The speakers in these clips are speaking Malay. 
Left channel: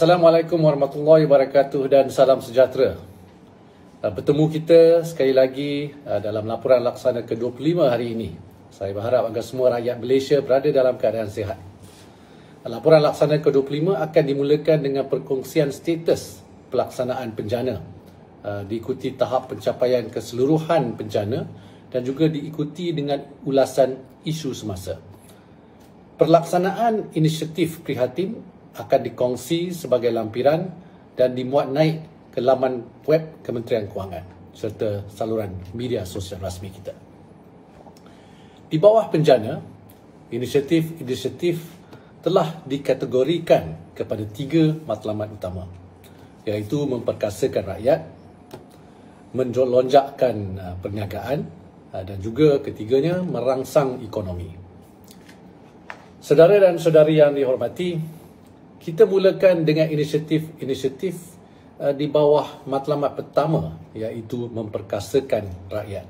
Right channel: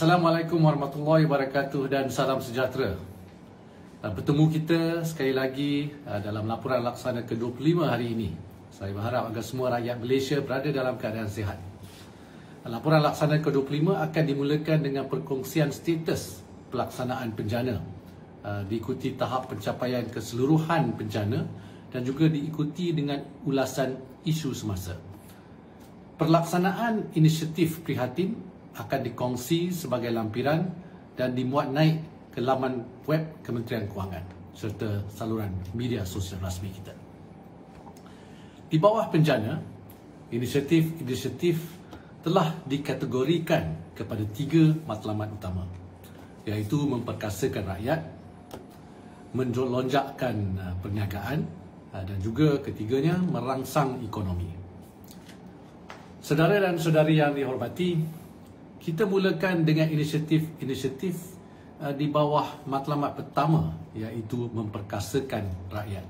Assalamualaikum warahmatullahi wabarakatuh dan salam sejahtera. Bertemu kita sekali lagi dalam laporan laksana ke-25 hari ini. Saya berharap agar semua rakyat Malaysia berada dalam keadaan sihat. Laporan laksana ke-25 akan dimulakan dengan perkongsian status pelaksanaan bencana. Diikuti tahap pencapaian keseluruhan bencana dan juga diikuti dengan ulasan isu semasa. Pelaksanaan inisiatif prihatin akan dikongsi sebagai lampiran dan dimuat naik ke laman web Kementerian Kewangan serta saluran media sosial rasmi kita. Di bawah bencana, inisiatif telah dikategorikan kepada 3 matlamat utama, iaitu memperkasakan rakyat, melonjakkan perniagaan dan juga ketiganya merangsang ekonomi. Saudara dan saudari yang dihormati, kita mulakan dengan inisiatif di bawah matlamat pertama, iaitu memperkasakan rakyat.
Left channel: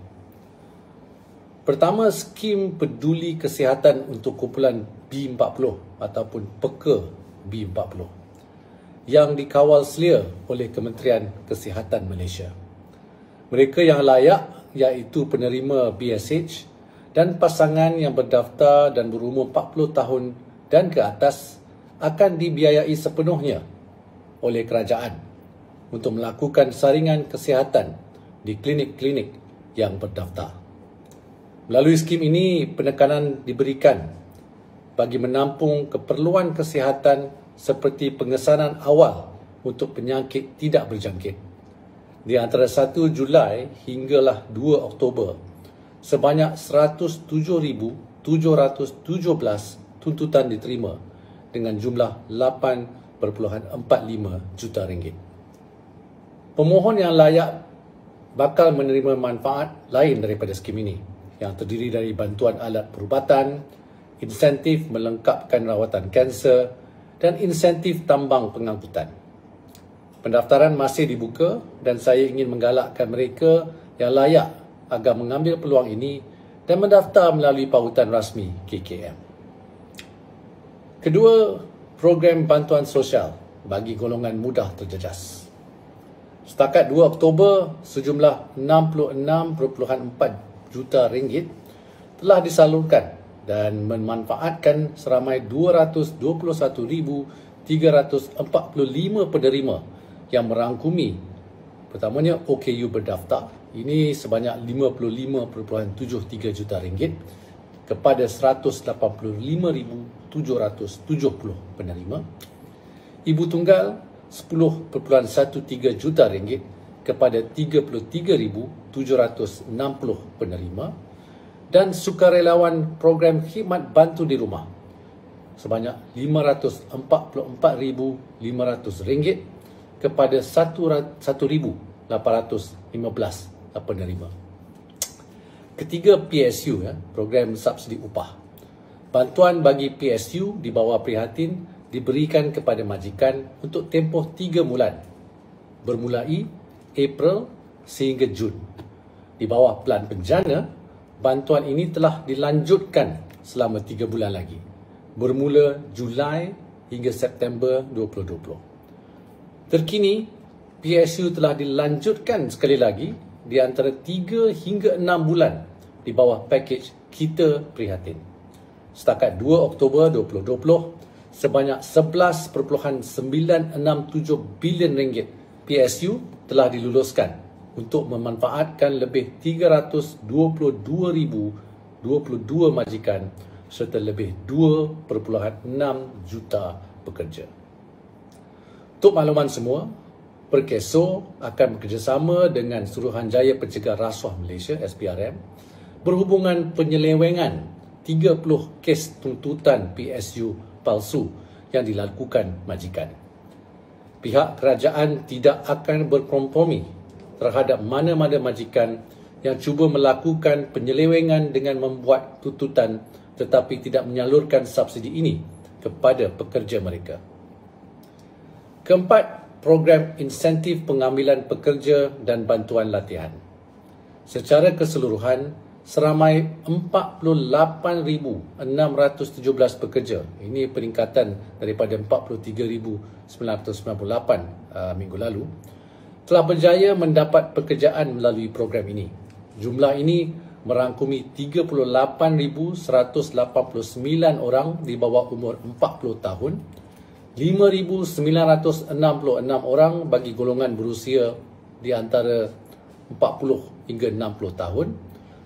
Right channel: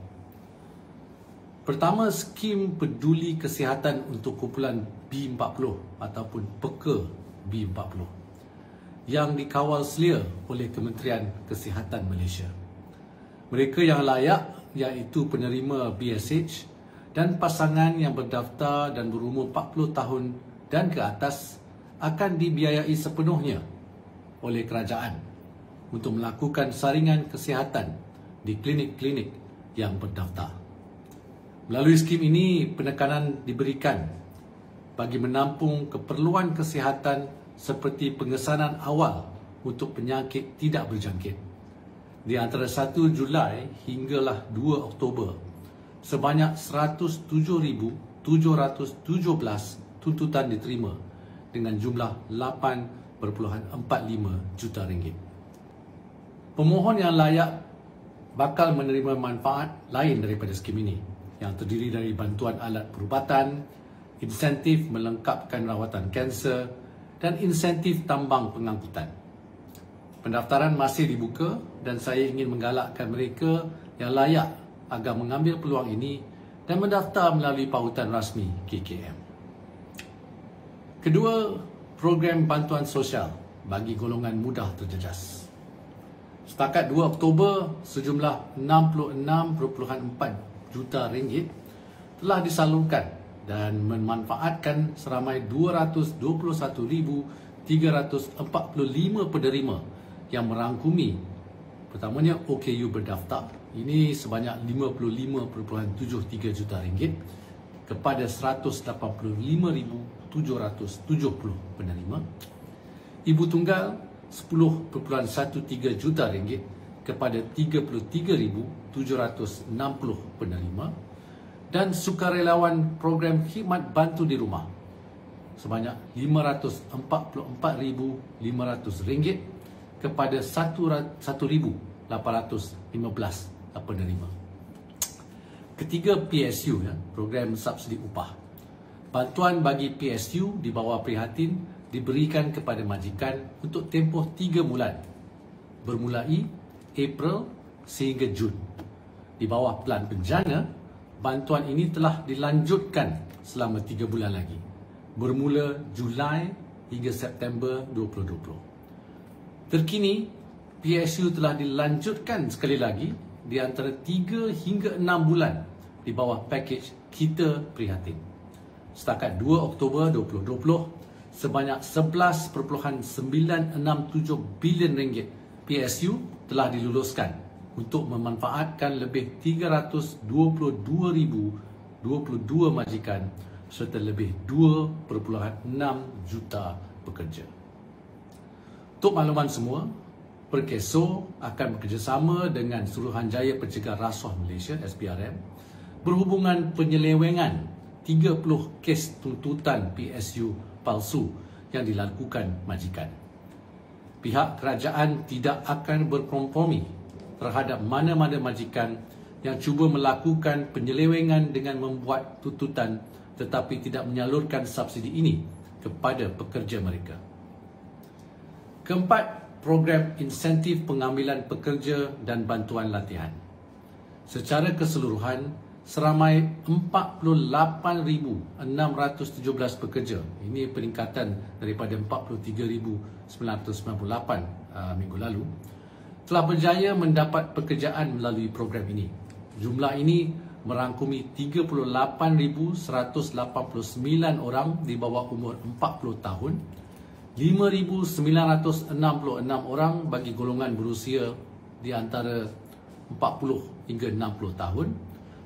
Pertama, skim peduli kesihatan untuk kumpulan B40 ataupun PEKA B40 yang dikawal selia oleh Kementerian Kesihatan Malaysia. Mereka yang layak iaitu penerima BSH dan pasangan yang berdaftar dan berumur 40 tahun dan ke atas akan dibiayai sepenuhnya oleh kerajaan untuk melakukan saringan kesihatan di klinik-klinik yang berdaftar. Melalui skim ini, penekanan diberikan bagi menampung keperluan kesihatan seperti pengesanan awal untuk penyakit tidak berjangkit. Di antara 1 Julai hinggalah 2 Oktober, sebanyak 107,717 tuntutan diterima dengan jumlah 8.45 juta ringgit. Pemohon yang layak bakal menerima manfaat lain daripada skim ini, yang terdiri dari bantuan alat perubatan, insentif melengkapkan rawatan kanser dan insentif tambang pengangkutan. Pendaftaran masih dibuka dan saya ingin menggalakkan mereka yang layak agar mengambil peluang ini dan mendaftar melalui pautan rasmi KKM. Kedua, program bantuan sosial bagi golongan mudah terjejas. Setakat 2 Oktober, sejumlah 66.4 juta ringgit telah disalurkan dan memanfaatkan seramai 221,345 penerima yang merangkumi pertamanya OKU berdaftar, ini sebanyak 55.73 juta ringgit kepada 185,770 penerima, ibu tunggal 10.13 juta ringgit kepada 33,760 penerima dan sukarelawan program khidmat bantu di rumah sebanyak 544,500 ringgit kepada 1,815 penerima. Ketiga, PSU, program subsidi upah. Bantuan bagi PSU di bawah prihatin diberikan kepada majikan untuk tempoh 3 bulan bermulai April sehingga Jun. Di bawah pelan bencana, bantuan ini telah dilanjutkan selama 3 bulan lagi bermula Julai hingga September 2020. Terkini, PSU telah dilanjutkan sekali lagi di antara 3 hingga 6 bulan di bawah pakej Kita Prihatin. Setakat 2 Oktober 2020, sebanyak 11.967 bilion ringgit PSU telah diluluskan untuk memanfaatkan lebih 322,022 majikan serta lebih 2.6 juta pekerja. Untuk makluman semua, Perkeso akan bekerjasama dengan Suruhanjaya Pencegah Rasuah Malaysia SPRM berhubungan penyelewengan 30 kes tuntutan PSU palsu yang dilakukan majikan. Pihak kerajaan tidak akan berkompromi terhadap mana-mana majikan yang cuba melakukan penyelewengan dengan membuat tuntutan tetapi tidak menyalurkan subsidi ini kepada pekerja mereka. Keempat, program insentif pengambilan pekerja dan bantuan latihan. Secara keseluruhan, seramai 48,617 pekerja. Ini peningkatan daripada 43,998 minggu lalu. Telah berjaya mendapat pekerjaan melalui program ini. Jumlah ini merangkumi 38,189 orang di bawah umur 40 tahun, 5,966 orang bagi golongan berusia di antara 40 hingga 60 tahun,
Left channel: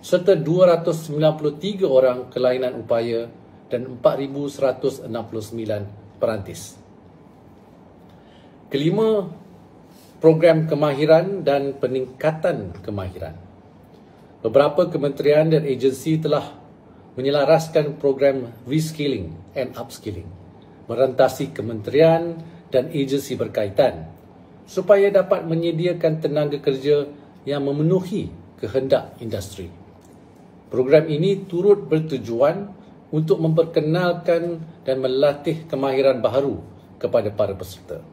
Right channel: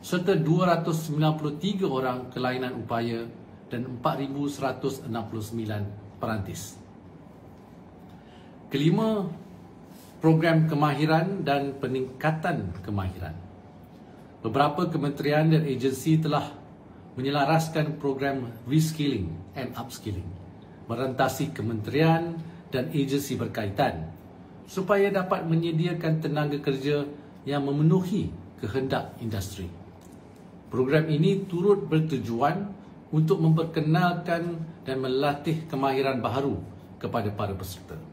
serta 293 orang kelainan upaya dan 4,169 perantis. Kelima, program kemahiran dan peningkatan kemahiran. Beberapa kementerian dan agensi telah menyelaraskan program reskilling and upskilling, merentasi kementerian dan agensi berkaitan supaya dapat menyediakan tenaga kerja yang memenuhi kehendak industri. Program ini turut bertujuan untuk memperkenalkan dan melatih kemahiran baharu kepada para peserta.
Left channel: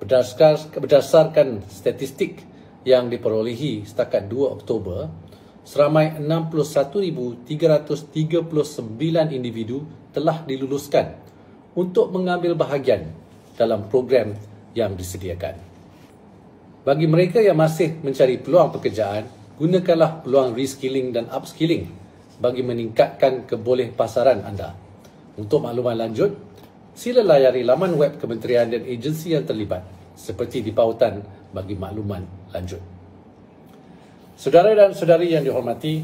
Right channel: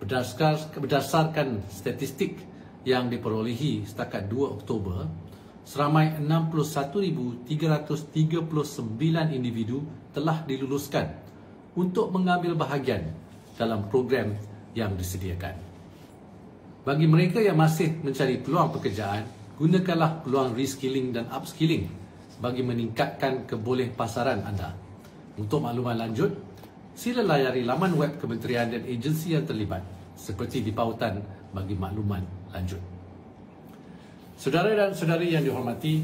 Berdasarkan statistik yang diperolehi setakat 2 Oktober, seramai 61,339 individu telah diluluskan untuk mengambil bahagian dalam program yang disediakan. Bagi mereka yang masih mencari peluang pekerjaan, gunakanlah peluang reskilling dan upskilling bagi meningkatkan kebolehpasaran anda. Untuk makluman lanjut, sila layari laman web kementerian dan agensi yang terlibat seperti di pautan bagi makluman lanjut. Saudara dan saudari yang dihormati,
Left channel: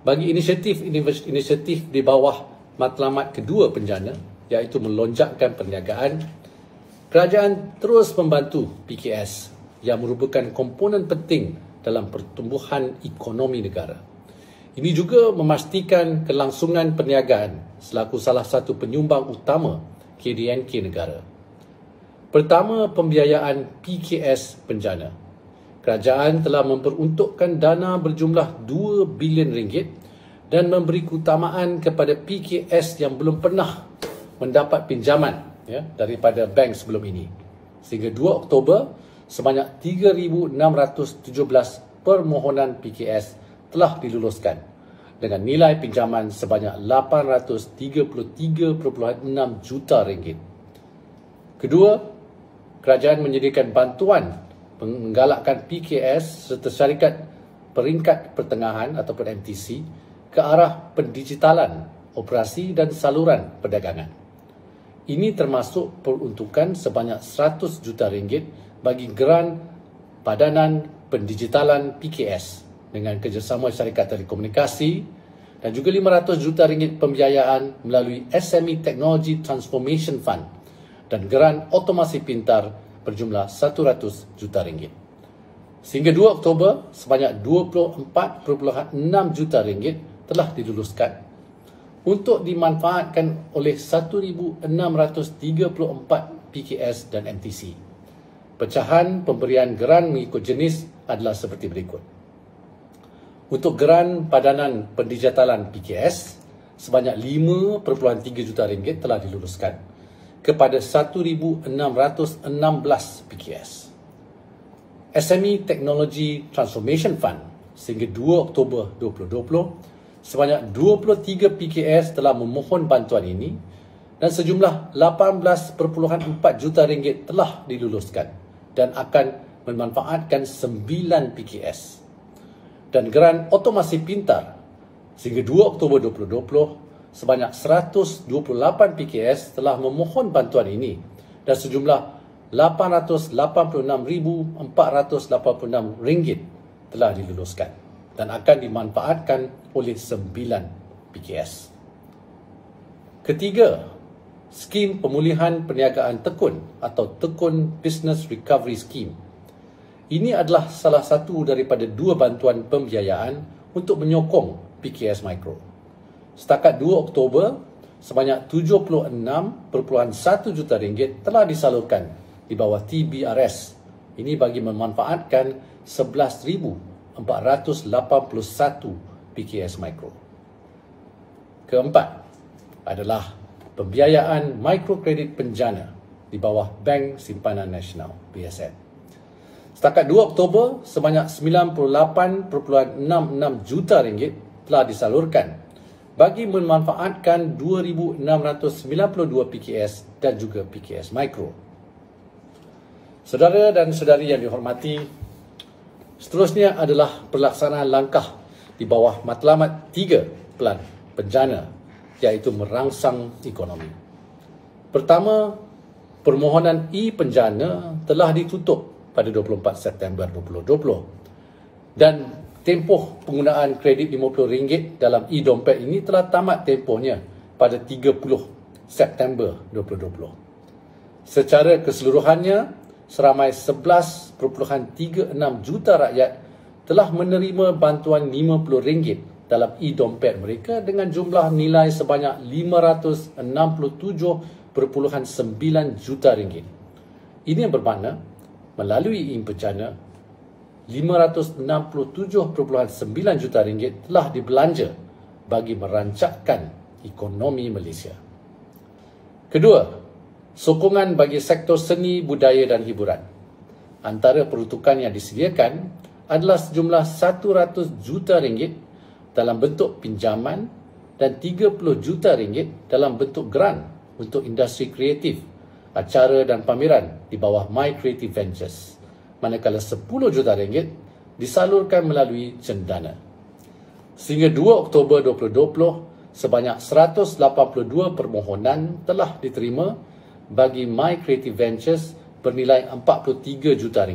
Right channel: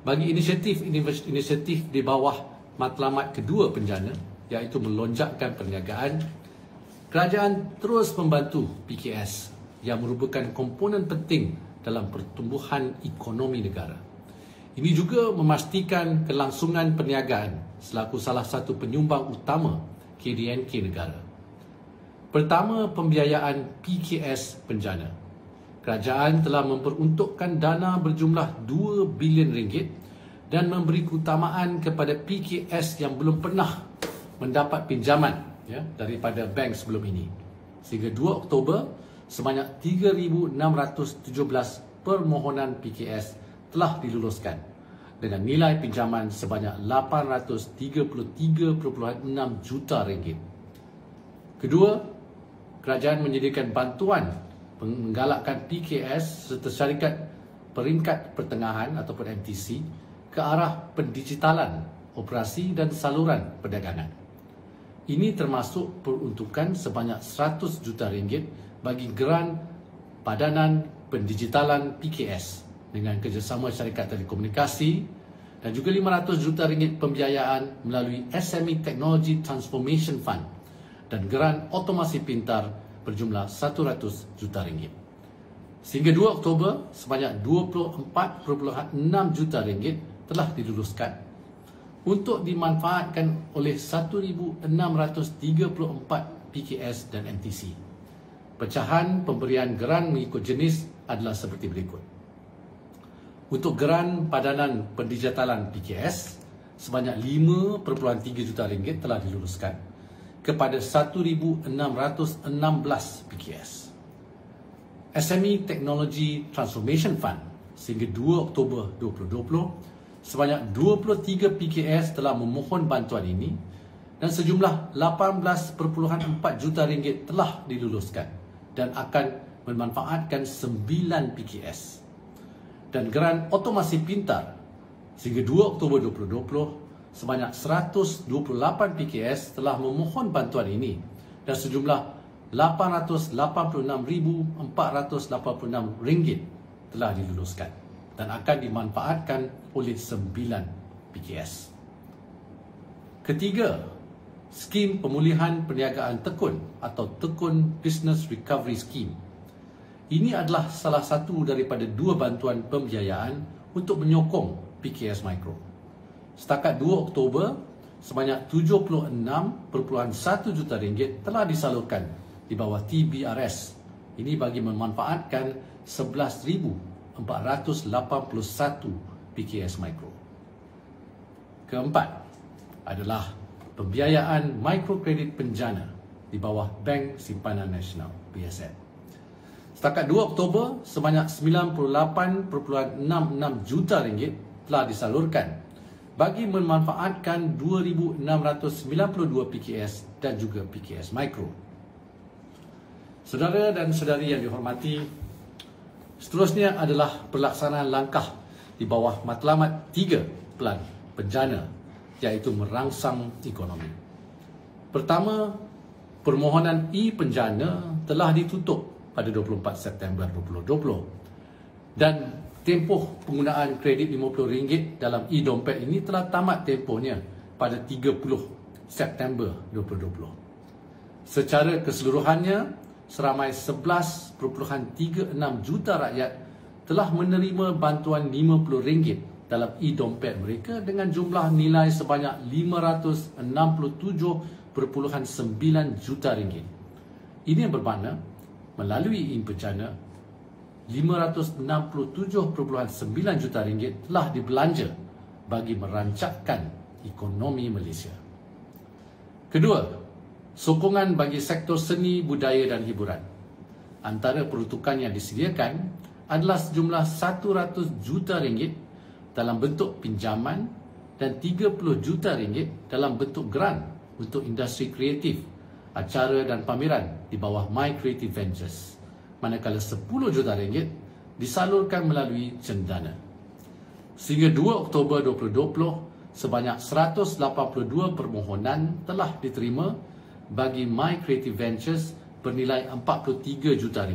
bagi inisiatif di bawah matlamat kedua penjana, iaitu melonjakkan perniagaan, kerajaan terus membantu PKS yang merupakan komponen penting dalam pertumbuhan ekonomi negara. Ini juga memastikan kelangsungan perniagaan selaku salah satu penyumbang utama KDNK negara. Pertama, pembiayaan PKS penjana. Kerajaan telah memperuntukkan dana berjumlah 2 bilion ringgit dan memberi keutamaan kepada PKS yang belum pernah mendapat pinjaman daripada bank sebelum ini. Sehingga 2 Oktober, sebanyak 3,617 permohonan PKS telah diluluskan dengan nilai pinjaman sebanyak 833.6 juta ringgit. Kedua, kerajaan menyediakan bantuan menggalakkan PKS serta syarikat peringkat pertengahan ataupun MTC ke arah pendigitalan operasi dan saluran perdagangan. Ini termasuk peruntukan sebanyak 100 juta ringgit bagi geran Padanan Pendigitalan PKS dengan kerjasama syarikat telekomunikasi dan juga 500 juta ringgit pembiayaan melalui SME Technology Transformation Fund dan geran otomasi pintar berjumlah 100 juta ringgit. Sehingga 2 Oktober, sebanyak 24.6 juta ringgit telah diluluskan untuk dimanfaatkan oleh 1,634 PKS dan MTC. Pecahan pemberian geran mengikut jenis adalah seperti berikut. Untuk geran Padanan Pendigitalan PKS, sebanyak 5.3 juta ringgit telah diluluskan kepada 1,616 PKS. SME Technology Transformation Fund sehingga 2 Oktober 2020, sebanyak 23 PKS telah memohon bantuan ini dan sejumlah 18.4 juta ringgit telah diluluskan dan akan memanfaatkan 9 PKS. Dan geran otomasi pintar sehingga 2 Oktober 2020, sebanyak 128 PKS telah memohon bantuan ini dan sejumlah 886,486 ringgit telah diluluskan dan akan dimanfaatkan oleh 9 PKS. Ketiga, skim pemulihan perniagaan tekun atau Tekun Business Recovery Scheme. Ini adalah salah satu daripada 2 bantuan pembiayaan untuk menyokong PKS Mikro. Setakat 2 Oktober, sebanyak 76.1 juta ringgit telah disalurkan di bawah TBRS. Ini bagi memanfaatkan 11,481 PKS Mikro. Keempat adalah pembiayaan mikrokredit penjana di bawah Bank Simpanan Nasional, BSN. Setakat 2 Oktober, sebanyak 98.66 juta ringgit telah disalurkan bagi memanfaatkan 2,692 PKS dan juga PKS Mikro. Saudara dan saudari yang dihormati, seterusnya adalah pelaksanaan langkah di bawah matlamat 3 Pelan Penjana, iaitu merangsang ekonomi. Pertama, permohonan e-penjana telah ditutup pada 24 September 2020 dan tempoh penggunaan kredit RM50 dalam e-dompet ini telah tamat tempohnya pada 30 September 2020. Secara keseluruhannya, seramai 11.36 juta rakyat telah menerima bantuan RM50 dalam e-dompet mereka dengan jumlah nilai sebanyak RM567.9 juta. Ini yang bermakna melalui e-penjana RM567.9 juta telah dibelanja bagi merancangkan ekonomi Malaysia. Kedua, sokongan bagi sektor seni, budaya dan hiburan. Antara peruntukan yang disediakan adalah sejumlah RM100 juta dalam bentuk pinjaman dan RM30 juta dalam bentuk grant untuk industri kreatif, acara dan pameran di bawah My Creative Ventures, manakala RM10 juta disalurkan melalui cendana. Sehingga 2 Oktober 2020, sebanyak 182 permohonan telah diterima bagi My Creative Ventures bernilai RM43 juta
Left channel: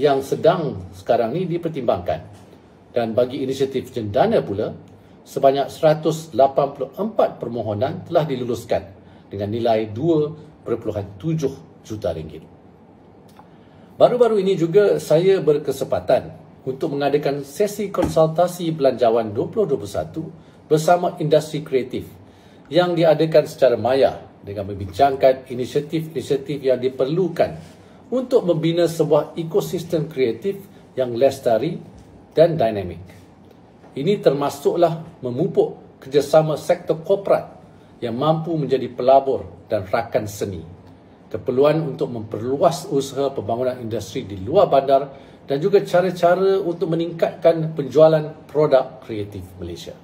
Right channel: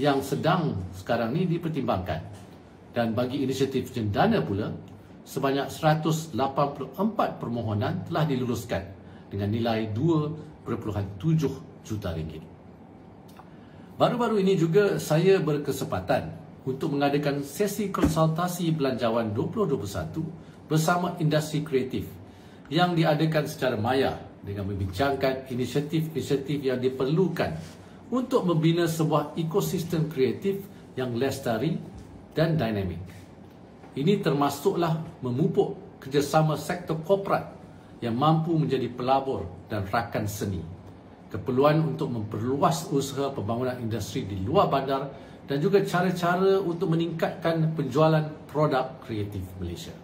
yang sedang sekarang ini dipertimbangkan. Dan bagi inisiatif cendana pula, sebanyak 184 permohonan telah diluluskan dengan nilai RM2.7 juta. Baru-baru ini juga saya berkesempatan untuk mengadakan sesi konsultasi belanjawan 2021 bersama industri kreatif yang diadakan secara maya dengan membincangkan inisiatif-inisiatif yang diperlukan untuk membina sebuah ekosistem kreatif yang lestari dan dinamik. Ini termasuklah memupuk kerjasama sektor korporat yang mampu menjadi pelabur dan rakan seni, keperluan untuk memperluas usaha pembangunan industri di luar bandar dan juga cara-cara untuk meningkatkan penjualan produk kreatif Malaysia.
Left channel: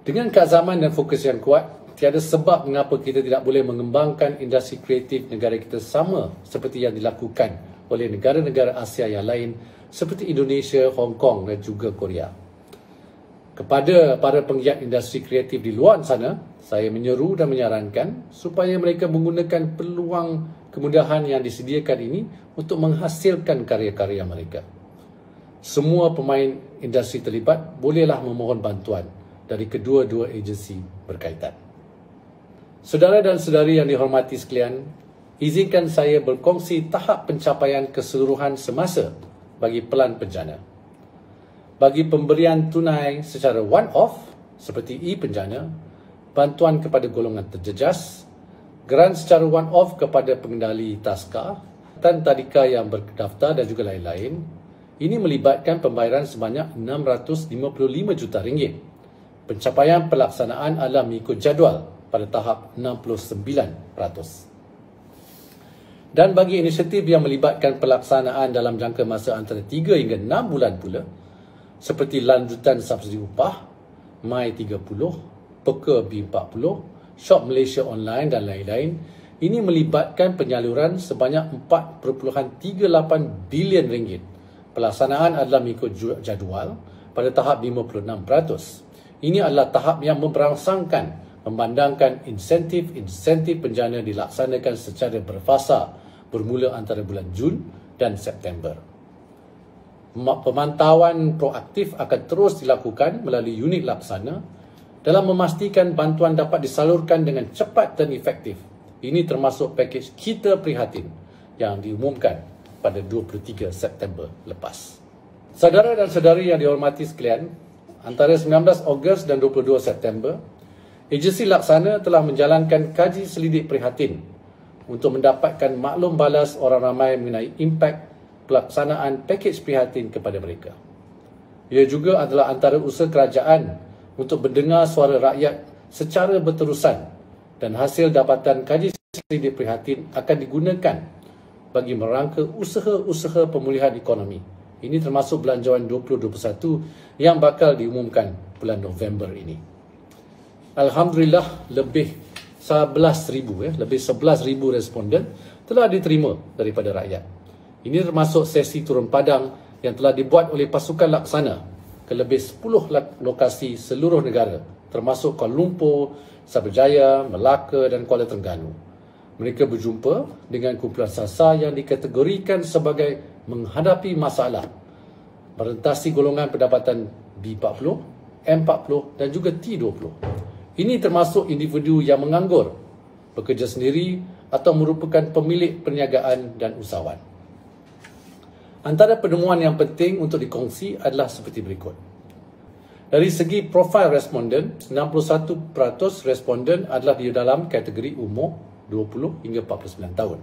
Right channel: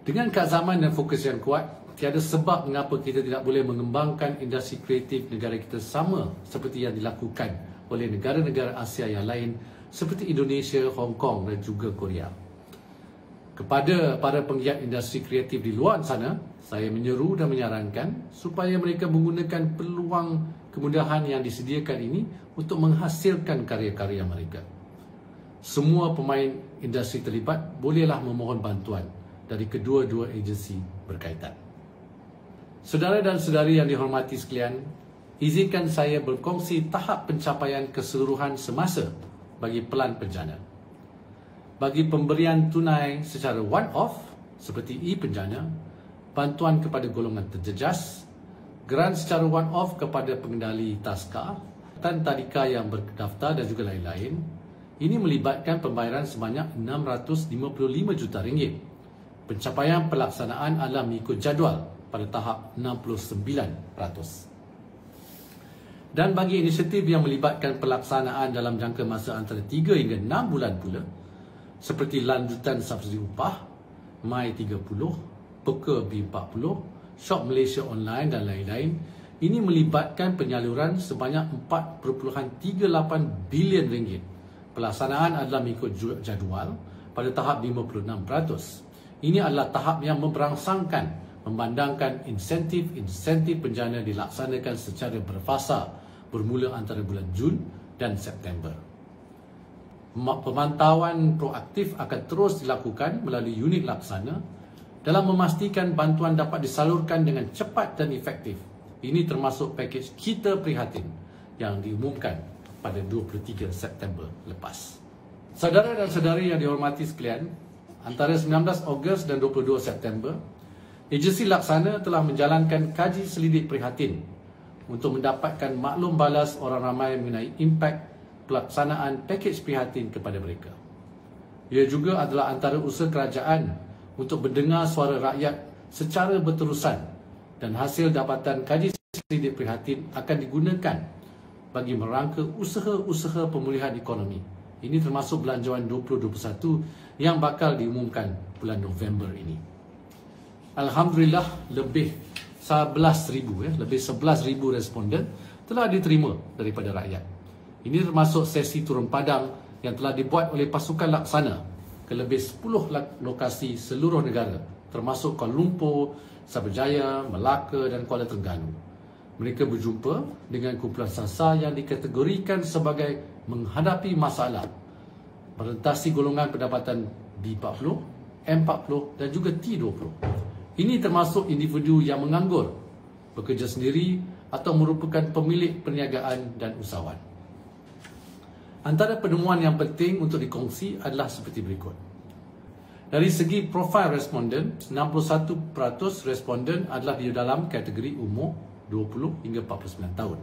Dengan keazaman dan fokus yang kuat, tiada sebab mengapa kita tidak boleh mengembangkan industri kreatif negara kita sama seperti yang dilakukan oleh negara-negara Asia yang lain seperti Indonesia, Hong Kong dan juga Korea. Kepada para penggiat industri kreatif di luar sana, saya menyeru dan menyarankan supaya mereka menggunakan peluang kemudahan yang disediakan ini untuk menghasilkan karya-karya mereka. Semua pemain industri terlibat bolehlah memohon bantuan dari kedua-dua agensi berkaitan. Saudara dan saudari yang dihormati sekalian, izinkan saya berkongsi tahap pencapaian keseluruhan semasa bagi Pelan Penjana. Bagi pemberian tunai secara one-off seperti e-penjana, bantuan kepada golongan terjejas, grant secara one-off kepada pengendali taska dan tadika yang berdaftar dan juga lain-lain, ini melibatkan pembayaran sebanyak RM655 juta. Pencapaian pelaksanaan adalah mengikut jadual pada tahap 69%. Dan bagi inisiatif yang melibatkan pelaksanaan dalam jangka masa antara 3 hingga 6 bulan pula, seperti lanjutan subsidi upah, My30, Peka B40, Shop Malaysia Online dan lain-lain, ini melibatkan penyaluran sebanyak RM4.38 bilion. Pelaksanaan adalah mengikut jadual pada tahap 56%. Ini adalah tahap yang memberangsangkan memandangkan insentif penjana dilaksanakan secara berfasa bermula antara bulan Jun dan September. Pemantauan proaktif akan terus dilakukan melalui unit laksana dalam memastikan bantuan dapat disalurkan dengan cepat dan efektif. Ini termasuk pakej Kita Prihatin yang diumumkan pada 23 September lepas. Saudara dan saudari yang dihormati sekalian, antara 19 Ogos dan 22 September, agensi laksana telah menjalankan kaji selidik prihatin untuk mendapatkan maklum balas orang ramai mengenai impak pelaksanaan pakej prihatin kepada mereka. Ia juga adalah antara usaha kerajaan untuk mendengar suara rakyat secara berterusan dan hasil dapatan kaji selidik prihatin akan digunakan bagi merangka usaha-usaha pemulihan ekonomi. Ini termasuk Belanjawan 2021 yang bakal diumumkan bulan November ini. Alhamdulillah, lebih 11,000 responden telah diterima daripada rakyat. Ini termasuk sesi turun padang yang telah dibuat oleh pasukan laksana ke lebih 10 lokasi seluruh negara, termasuk Kuala Lumpur, Cyberjaya, Melaka dan Kuala Terengganu. Mereka berjumpa dengan kumpulan SASA yang dikategorikan sebagai menghadapi masalah merentasi golongan pendapatan B40, M40 dan juga T20. Ini termasuk individu yang menganggur, bekerja sendiri atau merupakan pemilik perniagaan dan usahawan. Antara penemuan yang penting untuk dikongsi adalah seperti berikut. Dari segi profil responden, 61% responden adalah di dalam kategori umur 20 hingga 49 tahun.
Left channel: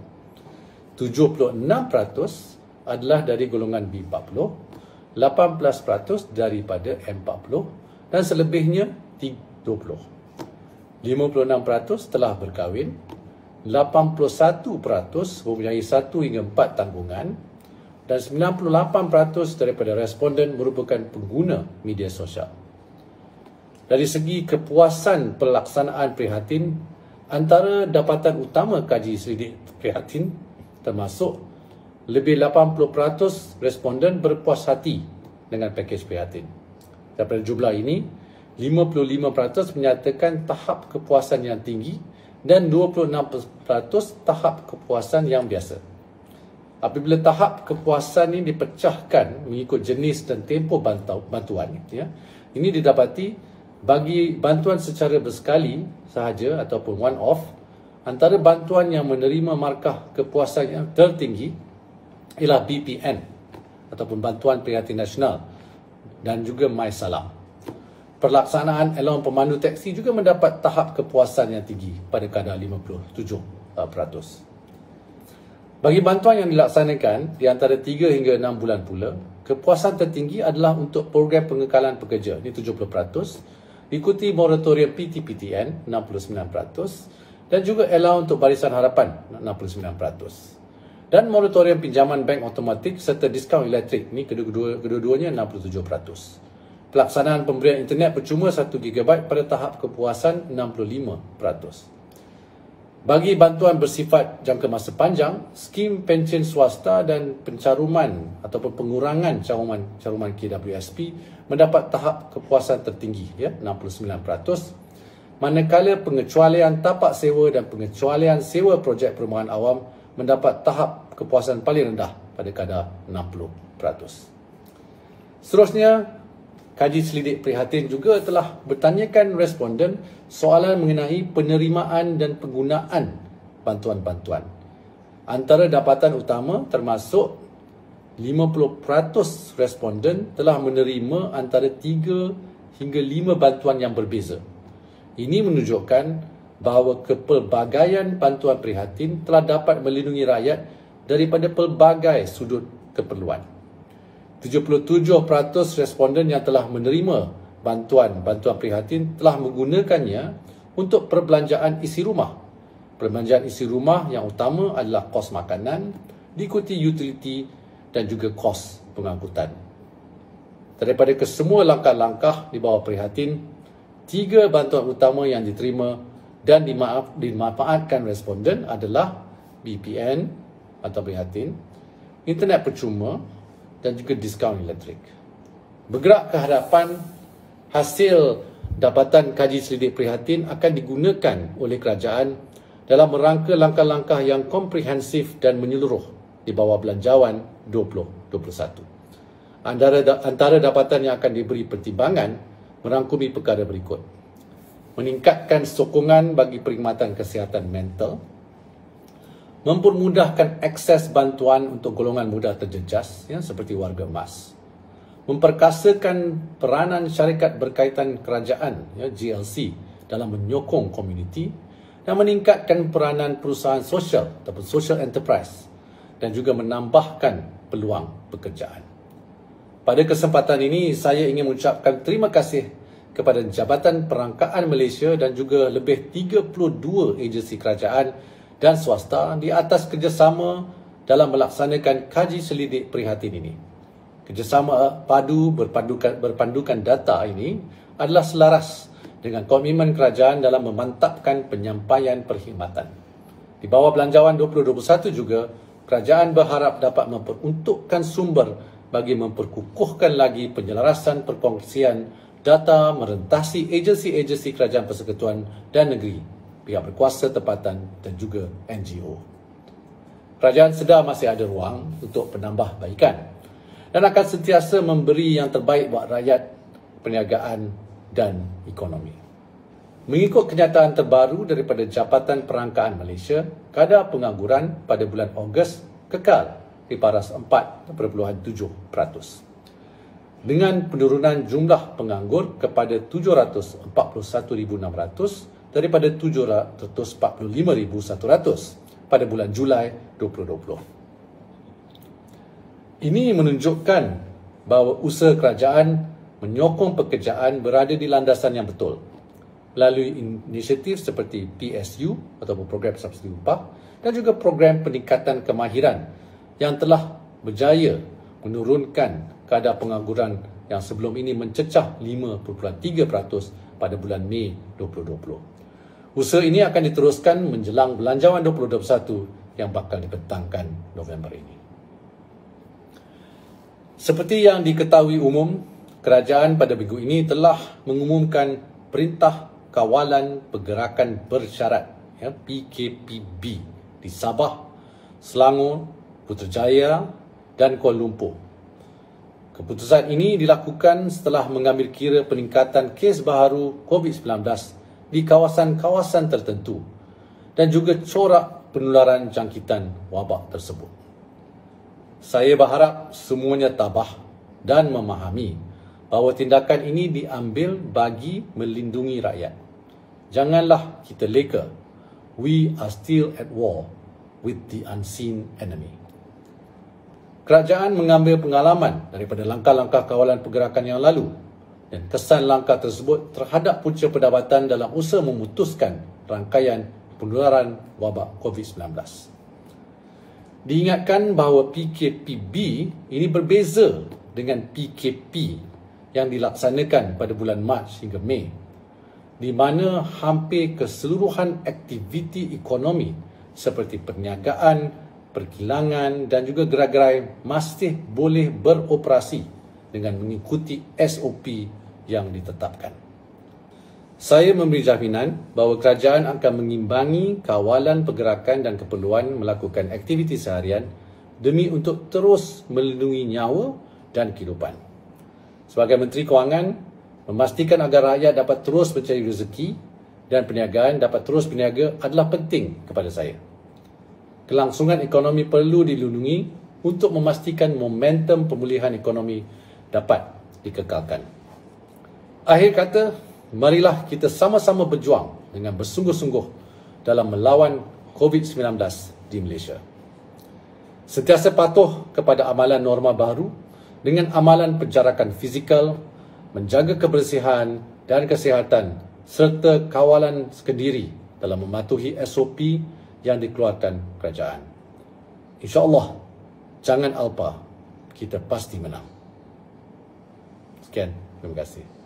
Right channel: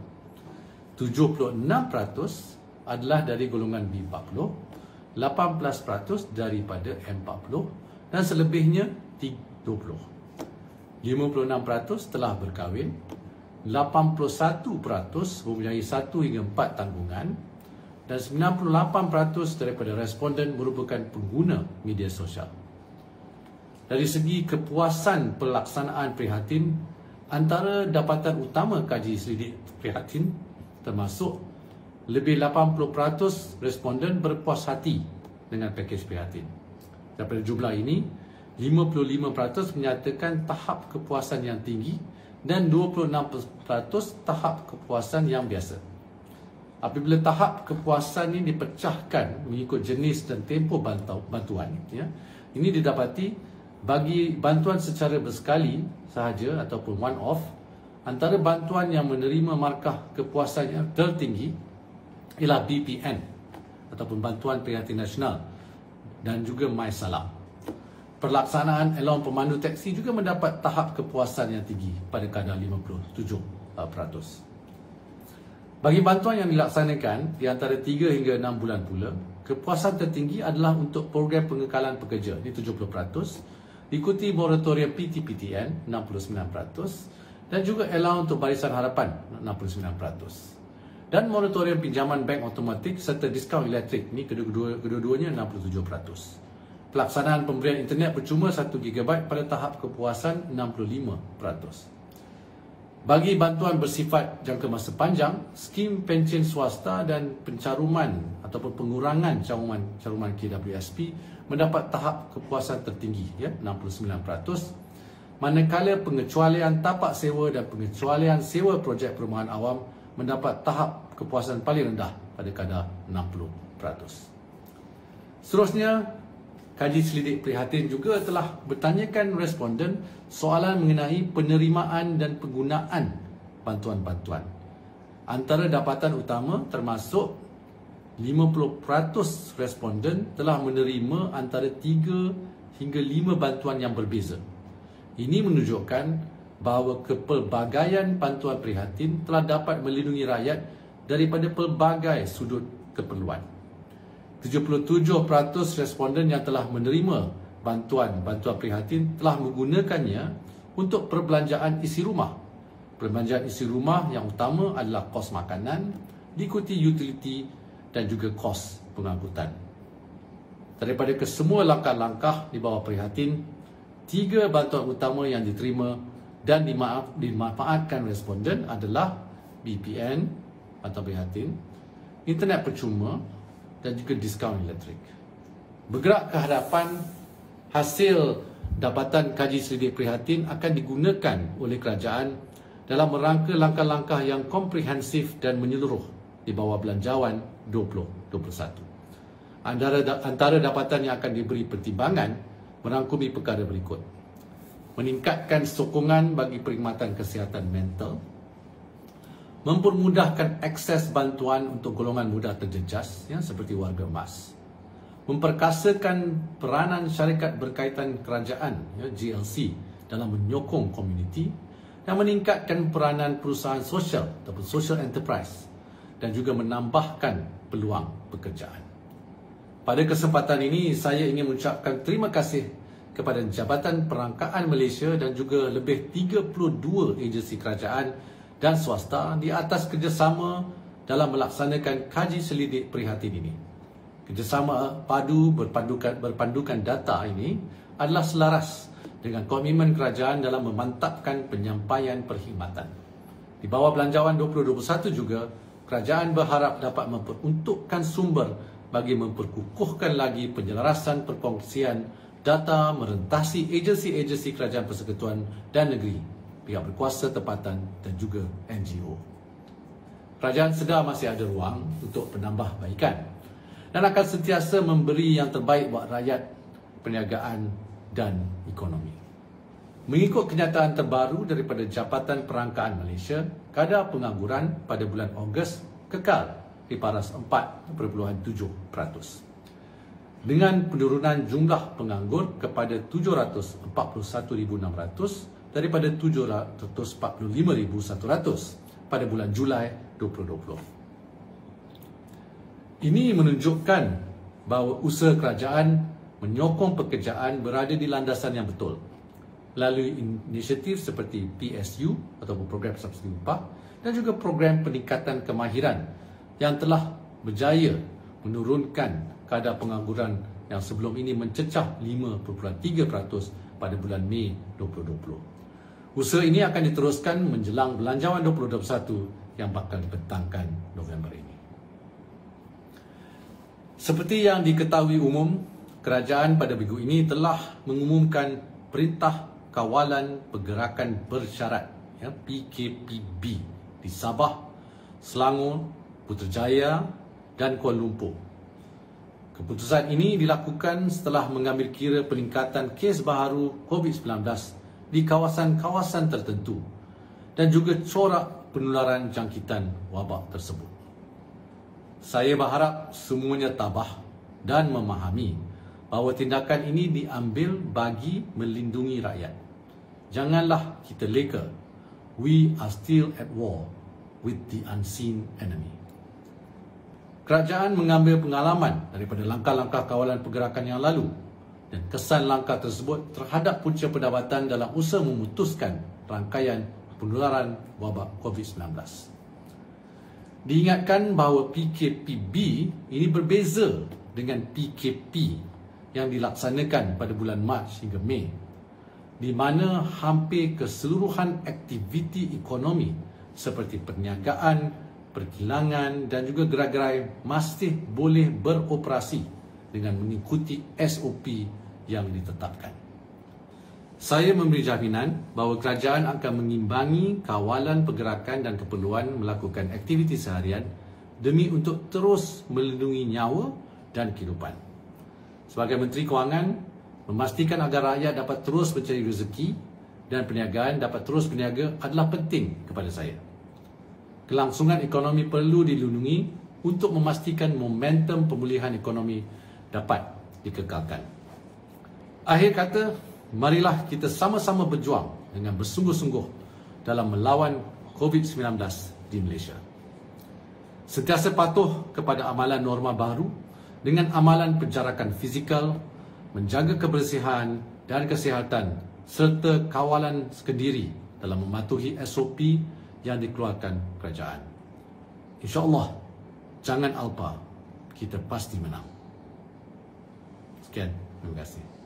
76% adalah dari golongan B40, 18% daripada M40 dan selebihnya T20. 56% telah berkahwin, 81% mempunyai 1 hingga 4 tanggungan dan 98% daripada responden merupakan pengguna media sosial. Dari segi kepuasan pelaksanaan prihatin, antara dapatan utama kaji selidik prihatin termasuk lebih 80% responden berpuas hati dengan pakej prihatin. Daripada jumlah ini, 55% menyatakan tahap kepuasan yang tinggi dan 26% tahap kepuasan yang biasa. Apabila tahap kepuasan ini dipecahkan mengikut jenis dan tempoh bantuan, ini didapati bagi bantuan secara bersekali sahaja ataupun one off, antara bantuan yang menerima markah kepuasan yang tertinggi ialah BPN ataupun Bantuan Prihatin Nasional dan juga MySalam. Pelaksanaan elon pemandu teksi juga mendapat tahap kepuasan yang tinggi pada kadar 57%. Bagi bantuan yang dilaksanakan di antara 3 hingga 6 bulan pula, kepuasan tertinggi adalah untuk program pengekalan pekerja, ini 70%, diikuti moratorium PT-PTN 69% dan juga allowance untuk Barisan Harapan 69%. Dan moratorium pinjaman bank automatik serta diskaun elektrik, ini kedua-duanya 67%. Pelaksanaan pemberian internet percuma 1 GB pada tahap kepuasan 65%. Bagi bantuan bersifat jangka masa panjang, skim pencen swasta dan pencaruman ataupun pengurangan caruman KWSP mendapat tahap kepuasan tertinggi, 69%. Manakala pengecualian tapak sewa dan pengecualian sewa projek perumahan awam mendapat tahap kepuasan paling rendah pada kadar 60%. Seterusnya, kaji selidik prihatin juga telah bertanyakan responden soalan mengenai penerimaan dan penggunaan bantuan-bantuan. Antara dapatan utama termasuk 50% responden telah menerima antara 3 hingga 5 bantuan yang berbeza. Ini menunjukkan bahawa kepelbagaian bantuan prihatin telah dapat melindungi rakyat daripada pelbagai sudut keperluan. 77% responden yang telah menerima bantuan prihatin telah menggunakannya untuk perbelanjaan isi rumah. Perbelanjaan isi rumah yang utama adalah kos makanan, diikuti utility dan juga kos pengangkutan. Daripada kesemua langkah-langkah di bawah prihatin, 3 bantuan utama yang diterima dan dimanfaatkan responden adalah BPN atau prihatin, internet percuma dan juga diskaun elektrik. Bergerak ke hadapan, hasil dapatan kaji selidik prihatin akan digunakan oleh kerajaan dalam merangka langkah-langkah yang komprehensif dan menyeluruh di bawah Belanjawan 2021. Antara dapatan yang akan diberi pertimbangan merangkumi perkara berikut. Meningkatkan sokongan bagi perkhidmatan kesihatan mental, mempermudahkan akses bantuan untuk golongan muda terjejas seperti warga emas, memperkasakan peranan syarikat berkaitan kerajaan GLC dalam menyokong komuniti dan meningkatkan peranan perusahaan sosial ataupun social enterprise dan juga menambahkan peluang pekerjaan. Pada kesempatan ini saya ingin mengucapkan terima kasih kepada Jabatan Perangkaan Malaysia dan juga lebih 32 agensi kerajaan dan swasta di atas kerjasama dalam melaksanakan kaji selidik prihatin ini. Kerjasama padu berpandukan data ini adalah selaras dengan komitmen kerajaan dalam memantapkan penyampaian perkhidmatan. Di bawah Belanjawan 2021 juga, kerajaan berharap dapat memperuntukkan sumber bagi memperkukuhkan lagi penyelarasan perkongsian data merentasi agensi-agensi kerajaan persekutuan dan negeri, pihak berkuasa tempatan dan juga NGO. Kerajaan sedar masih ada ruang untuk penambahbaikan dan akan sentiasa memberi yang terbaik buat rakyat, perniagaan dan ekonomi. Mengikut kenyataan terbaru daripada Jabatan Perangkaan Malaysia, kadar pengangguran pada bulan Ogos kekal di paras 4.7%. Dengan penurunan jumlah penganggur kepada 741,600 daripada 745,100 pada bulan Julai 2020. Ini menunjukkan bahawa usaha kerajaan menyokong pekerjaan berada di landasan yang betul melalui inisiatif seperti PSU ataupun program subsidi upah dan juga program peningkatan kemahiran yang telah berjaya menurunkan kadar pengangguran yang sebelum ini mencecah 5.3% pada bulan Mei 2020. Usaha ini akan diteruskan menjelang Belanjawan 2021 yang bakal dibentangkan November ini. Seperti yang diketahui umum, kerajaan pada minggu ini telah mengumumkan Perintah Kawalan Pergerakan Bersyarat PKPB di Sabah, Selangor, Putrajaya dan Kuala Lumpur. Keputusan ini dilakukan setelah mengambil kira peningkatan kes baharu COVID-19 di kawasan-kawasan tertentu dan juga corak penularan jangkitan wabak tersebut. Saya berharap semuanya tabah dan memahami bahawa tindakan ini diambil bagi melindungi rakyat. Janganlah kita leka. We are still at war with the unseen enemy. Kerajaan mengambil pengalaman daripada langkah-langkah kawalan pergerakan yang lalu dan kesan langkah tersebut terhadap punca pendapatan dalam usaha memutuskan rangkaian penularan wabak COVID-19. Diingatkan bahawa PKPB ini berbeza dengan PKP yang dilaksanakan pada bulan Mac hingga Mei, di mana hampir keseluruhan aktiviti ekonomi seperti perniagaan, perkilangan dan juga gerai-gerai masih boleh beroperasi dengan mengikuti SOP yang ditetapkan. Saya memberi jaminan bahawa kerajaan akan mengimbangi kawalan pergerakan dan keperluan melakukan aktiviti seharian demi untuk terus melindungi nyawa dan kehidupan. Sebagai Menteri Kewangan, memastikan agar rakyat dapat terus mencari rezeki dan perniagaan dapat terus berniaga adalah penting kepada saya. Kelangsungan ekonomi perlu dilindungi untuk memastikan momentum pemulihan ekonomi dapat dikekalkan. Akhir kata, marilah kita sama-sama berjuang dengan bersungguh-sungguh dalam melawan COVID-19 di Malaysia. Sentiasa patuh kepada amalan norma baru dengan amalan penjarakan fizikal, menjaga kebersihan dan kesihatan serta kawalan sendiri dalam mematuhi SOP yang dikeluarkan kerajaan. InsyaAllah, jangan alpa, kita pasti menang. Sekian, terima kasih.